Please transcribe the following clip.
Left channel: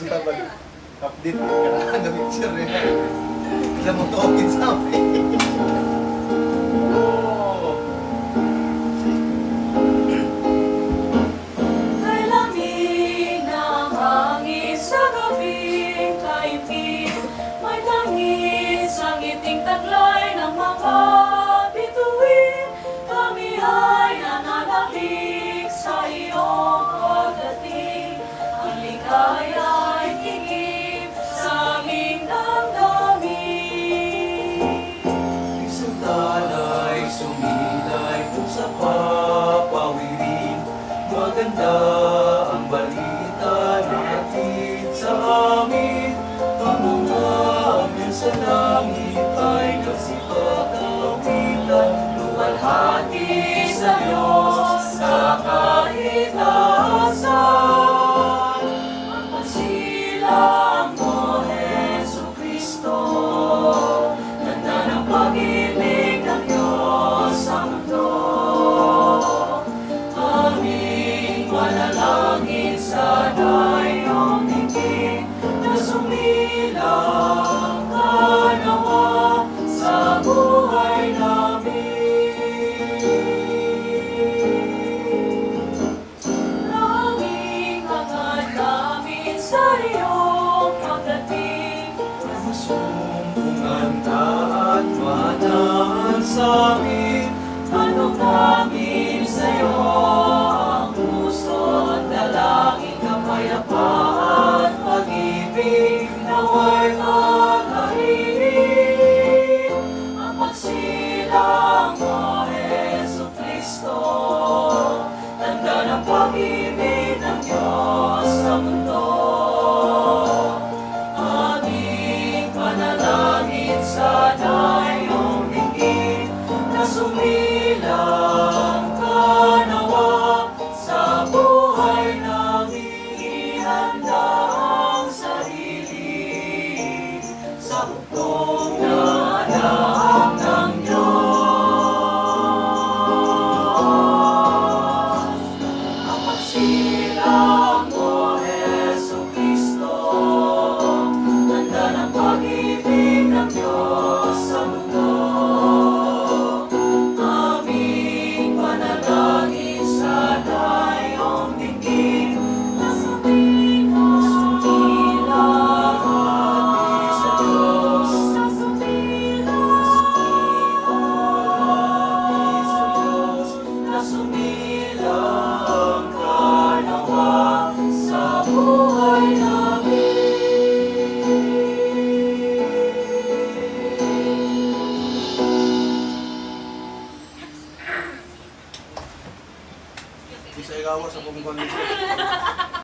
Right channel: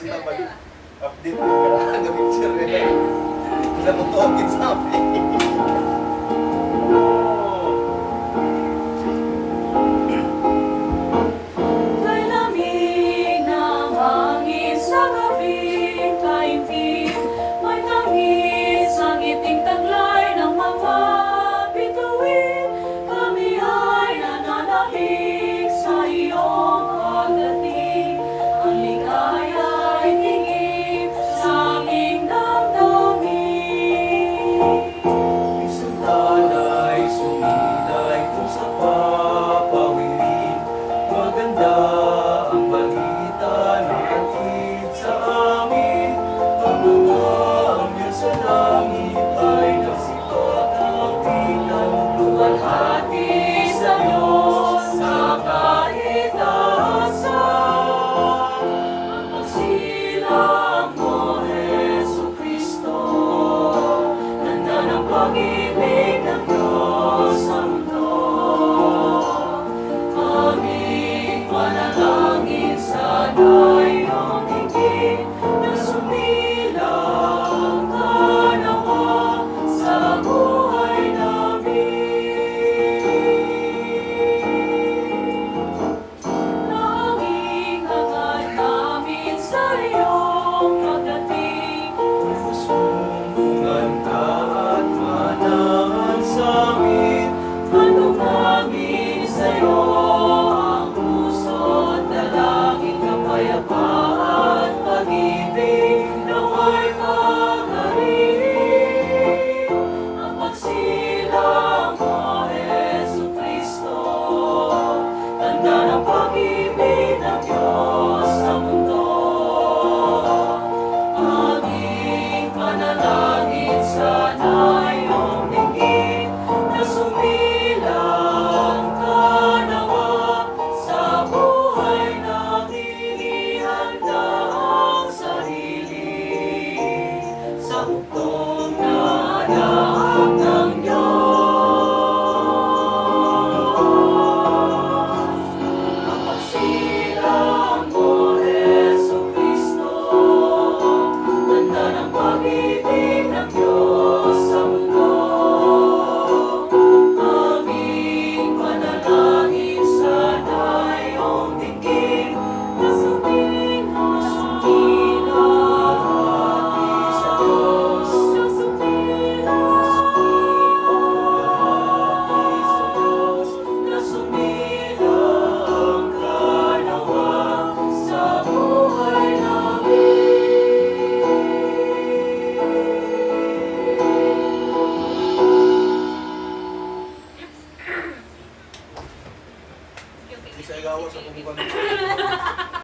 Mag-update ka na ng picture niya. Kaya mo tokit sa amin. Kay lamig ng hangin sa gabing kaibig, may langis ang ngiting taglay ng mga bituin. Kami ay nananahig sa iyong pagdating. Ang ligaya ay tingin sa aming damdamin. Isang talay, sumilay kung sa papawirin. Maganda ang balita natin sa amin. Ang mga anghel sa langit ay nagsipag-awitan. Luwalhati sa Diyos sa kahit ahasan. Ang pasilang mo, Jesucristo, tanda ng pag-ibig ng Diyos sa mundo. Aming manalangin sana iyong dinggin na sumilang ka naman sa buhay namin. Laging hangad namin sa iyong pagdating. Pusong kumanta at manahan sa amin. Manumangin sa'yo ang puso at dalangin, kapayapaan, pag-ibig nawa'y makaririnig. Ang magsilang mo, Jesucristo, tanda ng pag-ibig ng Diyos sa mundo. Aming panalangin sana iyong dinggin na sumilang ka nawa sa buhay namin. Ihanda ang sarili sa hukong na anak ng Diyos. Ang pagsilang mo, Jesucristo, tanda ng pag-ibig ng Diyos sa mundo. Aming panalangin sana iyong dinggin na sumilang sa Diyos, na sumilang ka nawa sa buhay namin. Isa ikaw sa pagkukulit.